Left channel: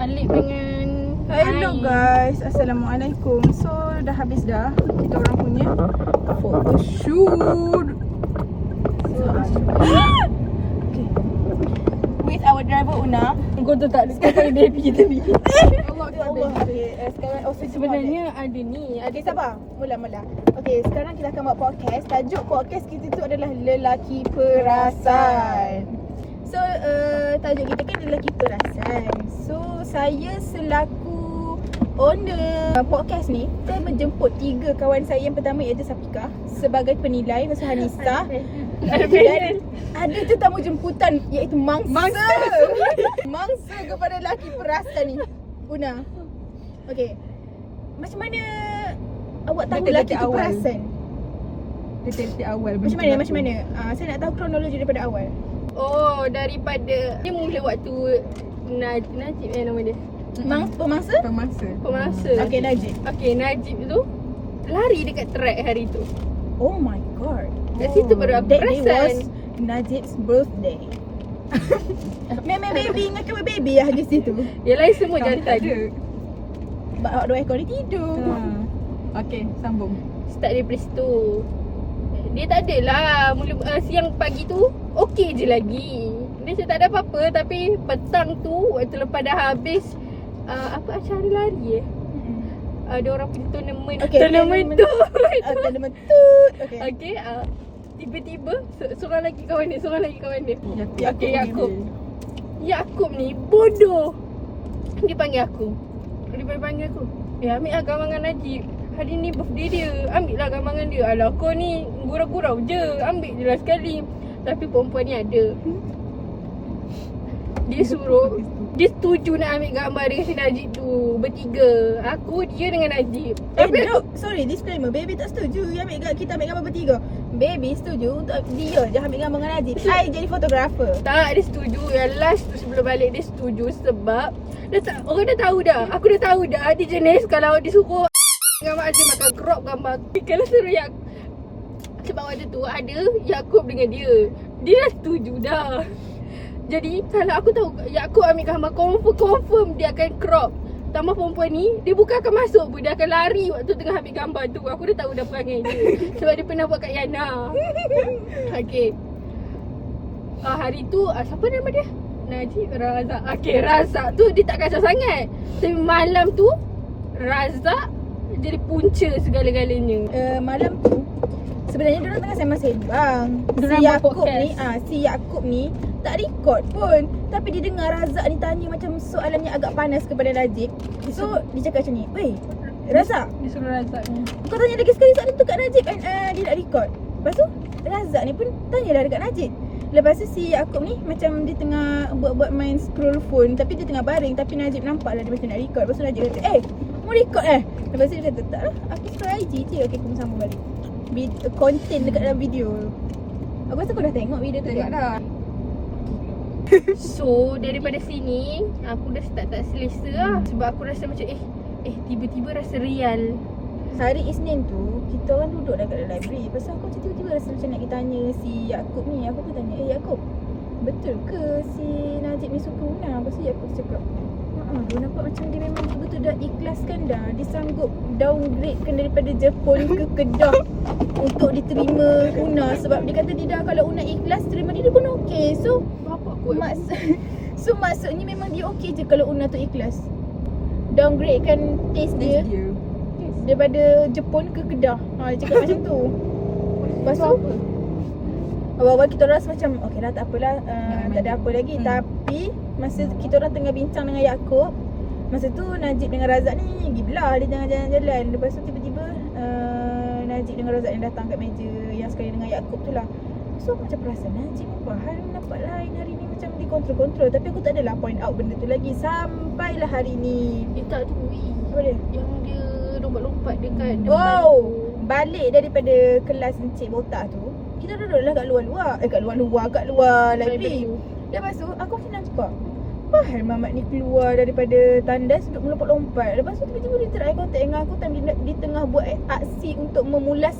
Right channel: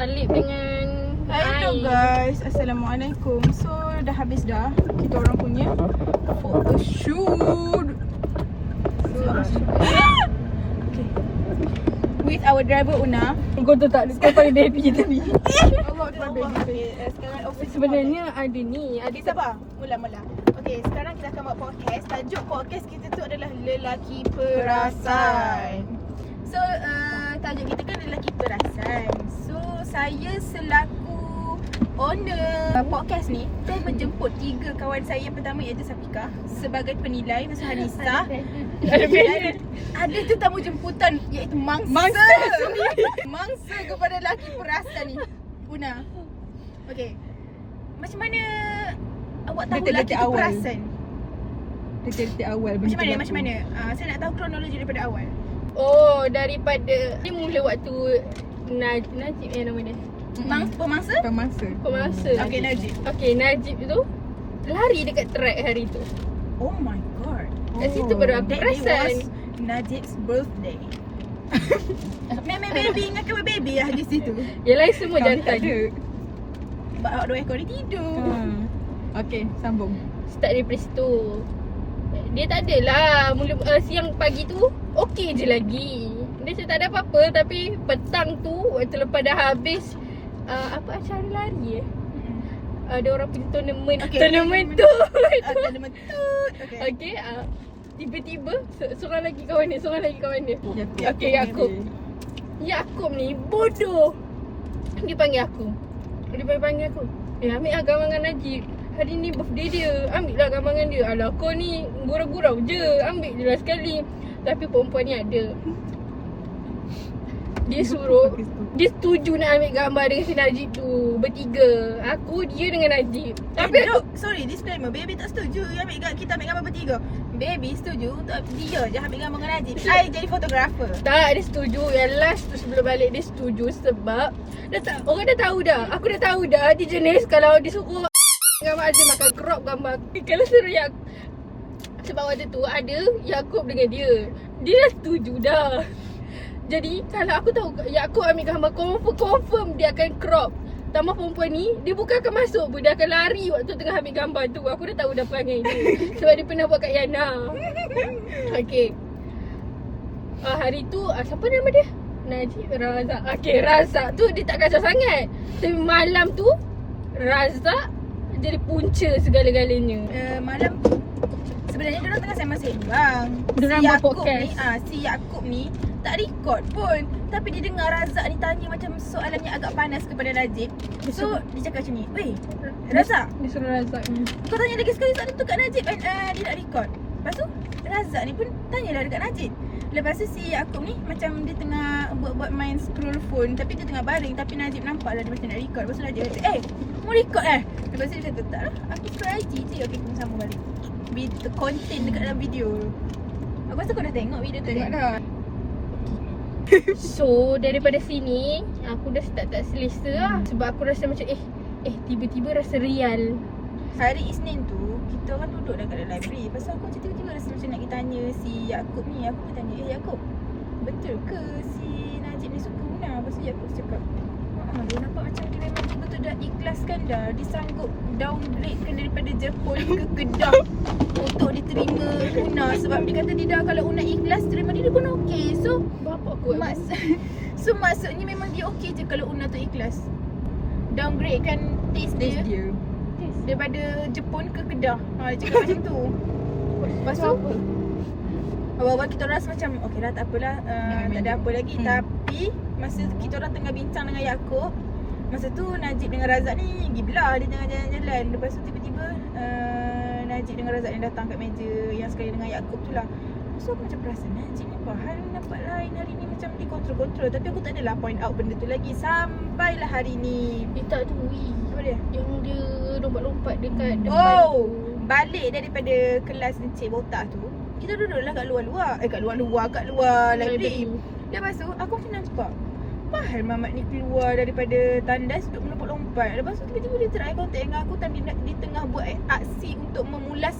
Alip dengan Hello air. guys, Assalamualaikum. So dah habis dah kita orang punya photoshoot. Okay. With our driver Una. Kau tu tak kau baby tadi. Allah. Okay, sekarang Sebenarnya ada ni. Okay, sabar. Mula. Okay, sekarang kita akan buat podcast. Tajuk podcast kita tu adalah Lelaki Perasan. So, tajuk kita kan Lelaki Perasan. So, saya selaku owner podcast ni, kita menjemput 3 kawan saya. Yang pertama iaitu Safika sebagai penilai, Masa Hanisa. Dan ada tetamu jemputan iaitu Mangsa. Mangsa kepada lelaki perasan ni, Una. Okay, macam mana awak tahu lelaki tu perasan? Detik-detik awal Macam mana? Saya nak tahu kronologi daripada awal. Oh, daripada dia mula waktu Najib nama dia. Pemangsa? Pemangsa. Okay, Najib. Okay, Najib tu lari dekat track hari tu. Oh my god. Kat situ baru aku That day perasan. was Najib's birthday. Baby, ingatkan baby lah di situ. Yang lain semua jantan. Bawa 2 ekor ni tidur. Okay, sambung. Start daripada situ. Dia tak adalah mula siang pagi tu okey je lagi. Dia macam tak ada apa-apa, tapi petang tu waktu lepas dah habis apa acara lari ada orang pergi tournament. Okay, Tournament tu. Tournament tu. Okey, tiba-tiba seorang lagi kawan dia. Okey, Yaakob ni bodoh. Dia panggil aku. Ambil lah gambar dengan Najib. Hari ni birthday dia. Ambil lah gambar dengan dia. Alah kau ni gurau-gurau je. Ambil je lah sekali. Tapi perempuan ni ada. Dia suruh, dia setuju nak ambil gambar dengan si Najib tu. Bertiga. Aku, dia dengan Najib. Tapi no, sorry, disclaimer. Baby tak setuju kita ambil gambar bertiga. Baby setuju untuk dia je ambil gambar dengan Najib. Saya jadi fotografer. tak, dia setuju. Yang last tu sebelum balik dia setuju sebab orang dah tahu dah. Aku dah tahu dah. Dia jenis kalau dia suruh gambar Azim makan crop gambar. Kalau suruh sebab waktu tu ada Yaakob dengan dia. Dia dah setuju dah. Jadi kalau aku tahu Yaakob ambil gambar, confirm dia akan crop. Tambah perempuan ni, dia bukan akan masuk pun. Dia akan lari waktu tengah ambil gambar tu. Aku dah tahu dah perangai dia. Sebab dia pernah buat kat Yana. Okay, hari tu siapa nama dia? Najib, Razak. Okay, Razak tu dia tak kacau sangat. Tapi malam tu Razak jadi punca segala-galanya. Malam tu sebenarnya diorang tengah sembang-sembang. Si Yaakob ni tak record pun, tapi dia dengar Razak ni tanya macam soalan yang agak panas kepada Najib. So dia cakap macam ni, "Weh, Razak, Dia suruh Razak ni. kau tanya lagi sekali soalan tu kat Najib kan, dia nak record." Lepas tu Razak ni pun tanyalah dekat Najib. Lepas tu si Yaakob ni macam dia tengah buat main scroll phone, tapi dia tengah baring, tapi Najib nampak lah dia macam nak record. Lepas tu Najib kata, mau record Lepas tu dia kata, tak lah, aku scroll IG je. Okay, kita sambung balik konten dekat dalam video. Aku rasa kau dah tengok video tu. Tengok kan? dah. So daripada sini aku dah start tak selesa lah. Sebab aku rasa macam tiba-tiba rasa real. Hari Isnin tu kita orang duduk dekat dalam library. Lepas tu aku macam tiba-tiba rasa macam nak pergi tanya si Yaakob ni. Aku pun tanya, Yaakob, betul ke si Najib ni suka Una? Lepas tu Yaakob cakap, dia nampak macam dia memang betul dah ikhlaskan dah. Dia sanggup downgradekan daripada Jepun ke Kedah untuk diterima Una. Sebab dia kata dia dah, kalau Una ikhlas terima dia pun okey. So Bapak aku maksudnya memang dia okey je kalau Una tu ikhlas downgradekan taste dia daripada Jepun ke Kedah. Dia cakap macam tu. Lepas tu awal-awal kita rasa macam okey lah, tak apalah, tak ada apa lagi. Tapi masa kita orang tengah bincang dengan Yaakob, masa tu Najib dengan Razak ni pergi belah. Dia tengah jalan-jalan. Lepas tu tiba-tiba Najib dengan Razak yang datang kat meja yang sekali dengan Yaakob tu lah. So aku macam perasan Najib ni bahal nampak lain hari ni, macam dikontrol-kontrol. Tapi aku tak adalah point out benda tu lagi. Sampailah hari ni. tak tu Apa dia? yang dia lompat-lompat dekat Balik daripada kelas Encik Botak tu, kita duduklah kat luar-luar, kat luar library. Lepas tu aku macam nampak bahal Mamat ni keluar daripada tandas untuk melompat-lompat. Lepas tu tiba-tiba dia try contact dengan aku, dia tengah buat aksi untuk memulas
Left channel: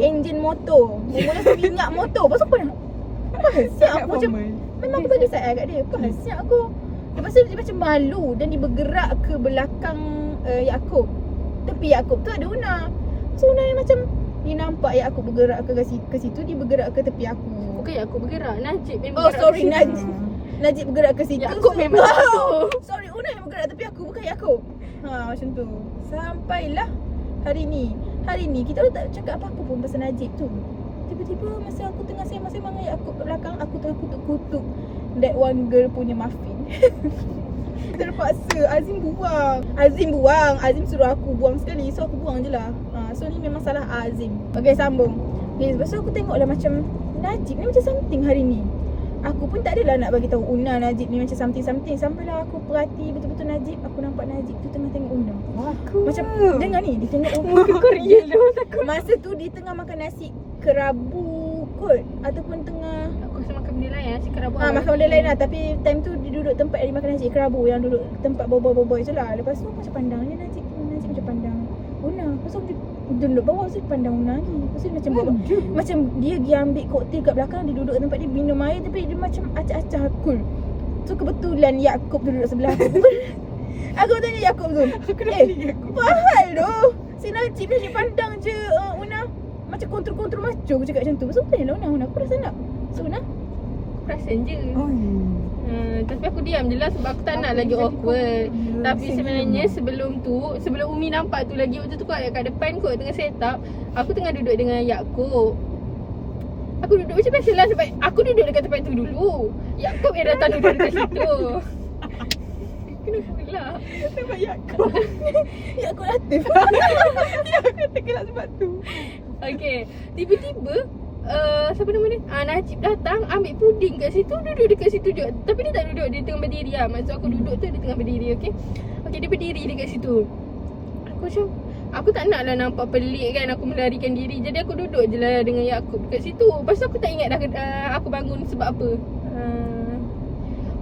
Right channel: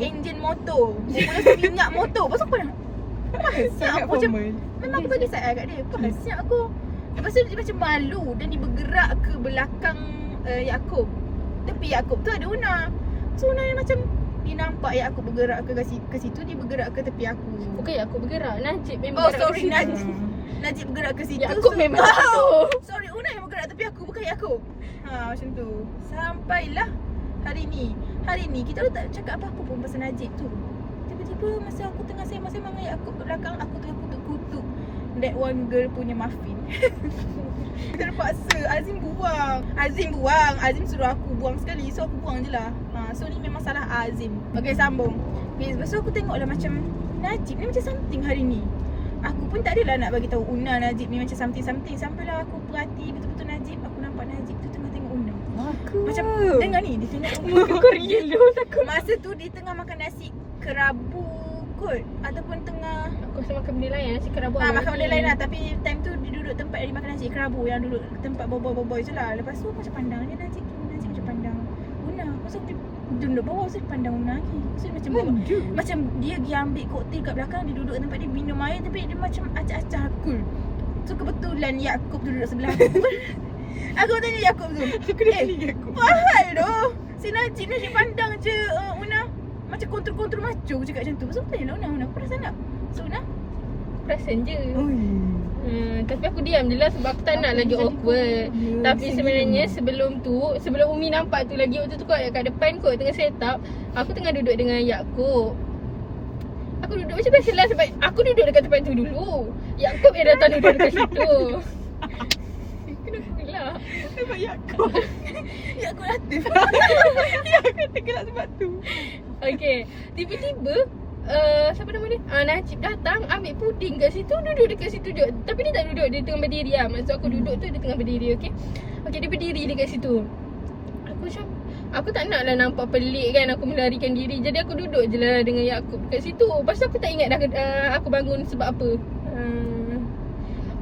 enjin motor, memulas minyak motor. Lepas tu aku siap aku macam, memang aku tadi saya kat dia, siap aku Lepas tu dia macam malu dan dia bergerak ke belakang Yaakob. Tepi Yaakob tu ada Una. So Una ni macam dia nampak Yaakob bergerak ke situ, dia bergerak ke tepi aku. Bukan aku bergerak. Najib memang Oh bergerak sorry ke situ. Najib bergerak ke situ. Yaakob memang situ. Sorry, Una yang bergerak tepi aku, bukan Yaakob. Macam tu. Sampailah hari ni kita orang tak cakap apa-apa pun pasal Najib tu. Tiba-tiba masa aku tengah sembang-sembang dengan Yaakob kat belakang, aku tengah kutuk-kutuk that one girl punya muffin. Terpaksa Azim buang. Azim suruh aku buang sekali, so aku buang je lah. So ni memang salah Azim. Okay, sambung. Okay, lepas tu aku tengok lah macam Najib ni macam something hari ni. Aku pun tak adalah nak bagi tahu Una Najib ni macam something. Sampailah aku perhati betul-betul Najib, aku nampak Najib tu tengah tengok Una. Macam dengar ni, dia tengok Una. Kau real dia takut. Masa tu dia tengah makan nasi kerabu kot, ataupun tengah Aku rasa makan benda lain. Cik kerabu. makan benda lain lah. Tapi time tu dia duduk tempat dia makan nasi kerabu, yang duduk tempat bobo-bobo tu lah. Lepas tu macam pandangnya Najib macam pandang Una. Lepas tu dia duduk bawah, so dia pandang Una lagi. Lepas tu dia macam dia pergi ambil koktel kat belakang, dia duduk tempat dia minum air, tapi dia macam acah-acah cool. So kebetulan Yaakob tu duduk sebelah aku. Aku tanya Yaakob tu, Fahal tu, si Najib ni dia pandang je Una macam kontrol macho. Aku cakap macam tu. Lepas tu tanya lah Una, aku perasan tak? So Una Perasan je. Tapi aku diam je lah sebab aku tak nak lagi awkward. Tapi sebenarnya sebelum Umi nampak tu lagi, waktu tu kot kat depan kot tengah set up, aku tengah duduk dengan Yaakob. Aku duduk macam biasa lah sebab aku duduk dekat tempat tu dulu. Yaakob yang datang duduk dekat situ. Kenapa gelak? Sebab Yaakob Latif. Yaakob tergelak sebab tu. Okay, tiba-tiba siapa nama dia? Najib datang ambil puding kat situ, duduk dekat situ juga. Tapi dia tak duduk, dia tengah berdiri lah. Maksud aku duduk tu dia tengah berdiri, okay? Okay, dia berdiri dekat situ. Aku macam, aku tak nak lah nampak pelik kan, aku melarikan diri. Jadi aku duduk je lah dengan Yaakob dekat situ. Lepas tu aku tak ingat dah aku bangun sebab apa.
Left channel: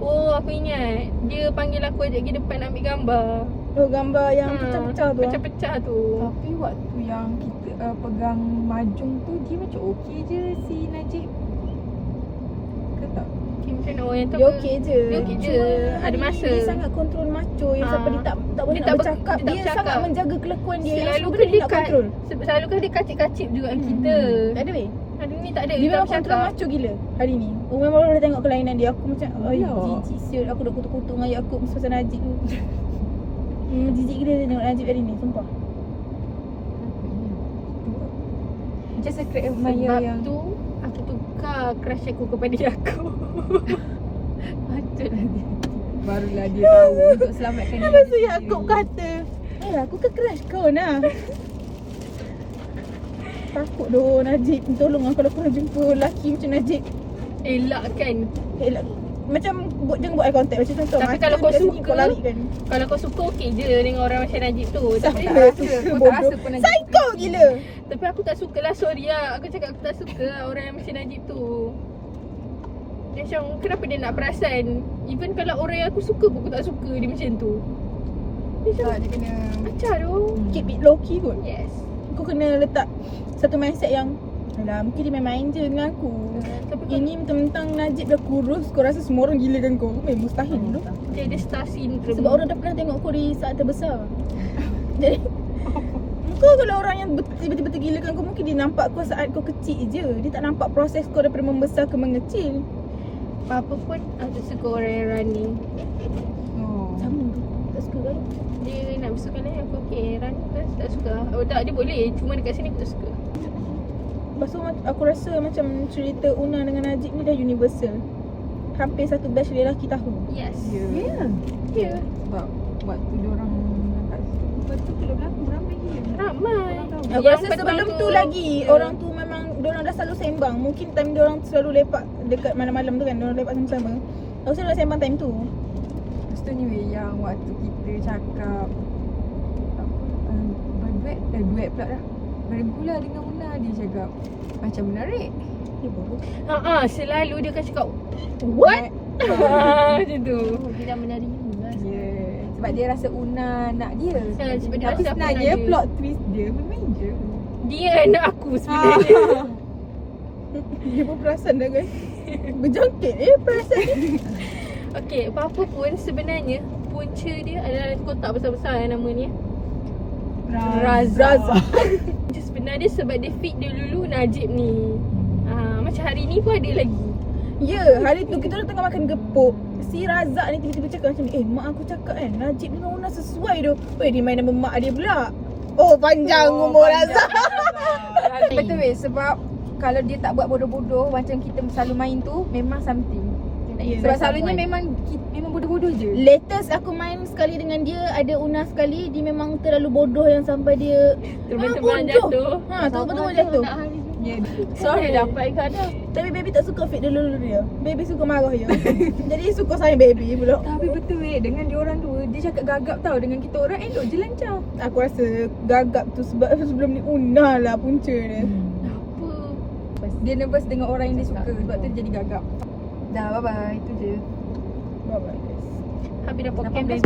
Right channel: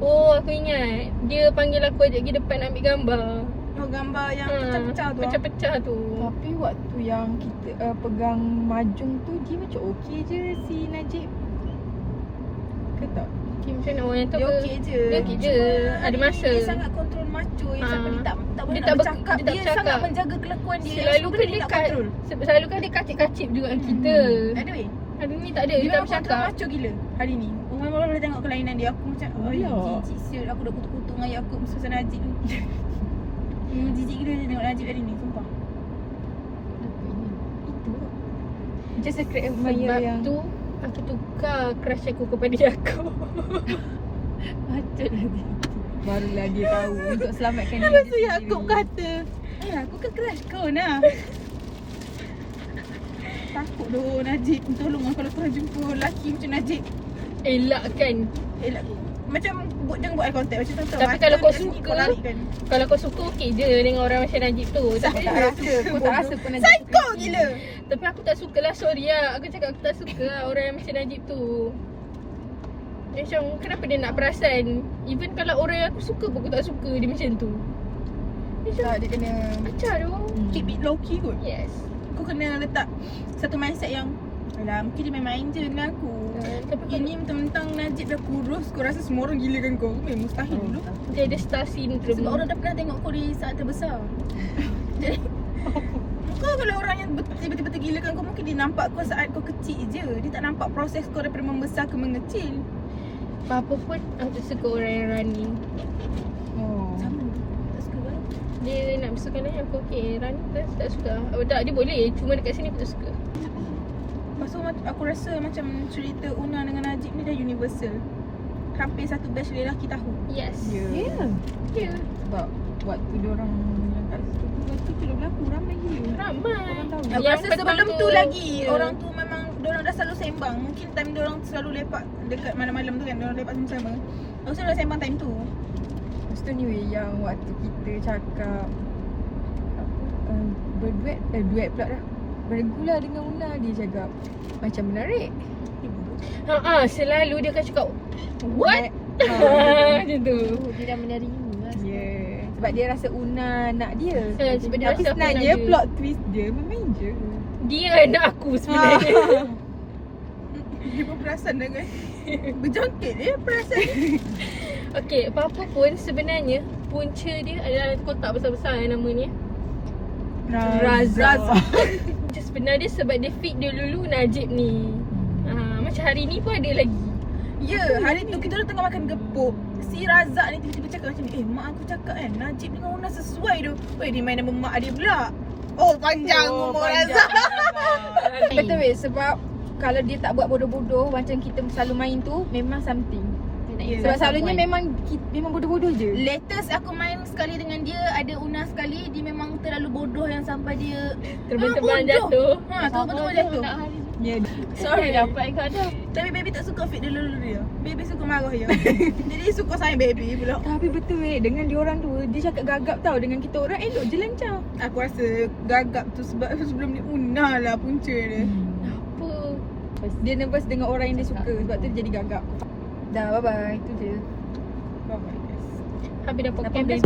Oh, aku ingat. Dia panggil aku ajak pergi depan ambil gambar. Oh, gambar yang pecah-pecah tu. Pecah-pecah tu. Tapi waktu yang kita pegang majung tu, dia macam okey je si Najib. Ke tak? Okay, macam mana orang yang tu? Dia okey je. Dia okey je. Ada masa. Dia sangat kontrol macho yang sampai dia tak boleh Dia nak tak bercakap. dia tak Dia bercakap. sangat menjaga kelakuan dia. Selalu kan dia kontrol. selalu kan dia kacip-kacip juga kita. Tak ada weh. Hari ni tak ada. Dia Dia tak memang kontrol bercakap. macho gila hari ni. Orang baru dah tengok kelainan dia. Aku macam Ya. jijik siul. Aku dah kutuk-kutuk dengan Yaakob pasal Najib ni. Jijik gila dia tengok Najib hari ni, sumpah. Macam secret admirer Sebab yang tu aku tukar crush aku kepada Yaakob. patutlah dia. Barulah dia tahu untuk selamatkan diri Lepas tu dia Yaakob sendiri. kata, aku kan crush kau nah. Takut doh Najib. Tolong aku kalau nak jumpa lelaki macam Najib. Elak kan. Macam jangan buat eye contact macam tu. Tapi kalau kau suka, kalau kau suka okey je dengan orang macam Najib tu. Tapi Aku tak rasa pun Najib psycho gila. tapi aku tak suka lah, sorry lah. Aku cakap aku tak suka lah orang yang macam Najib tu. Dia macam kenapa dia nak perasan? Even kalau orang yang aku suka pun aku tak suka dia macam tu. Dia macam tak, dia kena pecah tu. Keep it low key kot. Yes. Aku kena letak satu mindset yang alah, mungkin dia main-main je dengan aku. Tapi Ini mentang-mentang Najib dah kurus, kau rasa semua orang gila kan kau? Mustahil dulu. dia ada star syndrome. Sebab orang dah pernah tengok kau di saat terbesar. Jadi kau kalau orang yang tiba-tiba tergilakan kau, mungkin dia nampak kau saat kau kecil je. Dia tak nampak proses kau daripada membesar ke mengecil. apa pun aku suka orang yang running. Sama. Tak suka kan? Dia nak besarkan lain aku okey. Running tak suka. Oh, tak, dia boleh. Cuma dekat sini aku tak suka. Lepas tu aku rasa macam cerita Una dengan Najib ni dah universal. Hampir satu batch lelaki tahu. Yes. Ya. Ya. Sebab waktu dia orang yang kat situ, betul tu dah berlaku ramai gila. Ramai. Orang tahu. Aku rasa sebelum tu lagi orang tu memang diorang dah selalu sembang. Mungkin time diorang selalu lepak dekat malam-malam tu kan, diorang lepak sama-sama. Aku rasa diorang sembang time tu. Lepas tu ni weh, yang waktu kita cakap duet pula dah. Bermula dengan Una, dia cakap macam menarik. Selalu dia akan cakap what? Macam tu. Dia dah menerima. Ya, sebab dia rasa Una nak dia. Sebab dia Tapi rasa aku sebenarnya nak dia. plot twist dia main je. Dia nak aku sebenarnya. Dia pun perasan dah guys. Berjangkit perasan dia. Okay, apa-apa pun sebenarnya punca dia adalah kotak besar-besar nama ni. Raza. Sebenarnya sebab dia fit dia dulu Najib ni. Macam hari ni pun ada lagi. Ya, hari tu kita orang tengah makan gepuk. Si Razak ni tiba-tiba cakap macam ni, mak aku cakap kan Najib dengan Una sesuai tu. Weh, dia main nama mak dia pula. Oh, panjang umur Razak. Betul weh, sebab kalau dia tak buat bodoh-bodoh macam kita selalu main tu, memang something. Sebab selalunya memang bodoh-bodoh je. Latest aku main sekali dengan dia, ada Una sekali, dia memang terlalu bodoh yang sampai dia Terbang-terbang bodoh. jatuh. Terbang-terbang jatuh. Ya. Sorry dapat kau ada. Tapi baby tak suka fit dia lulu dia. Baby suka marah dia. Jadi dia suka sayang baby pula. Tapi betul weh, dengan dia orang tu, dia cakap gagap tau. Dengan kita orang elok je lancar. Aku rasa gagap tu sebelum ni Una lah punca dia. Apa? Dia nervous dengan orang yang dia suka. Sebab tu dia jadi gagap. Dah, bye-bye. Itu je. Oh my God. Habis dah podcast.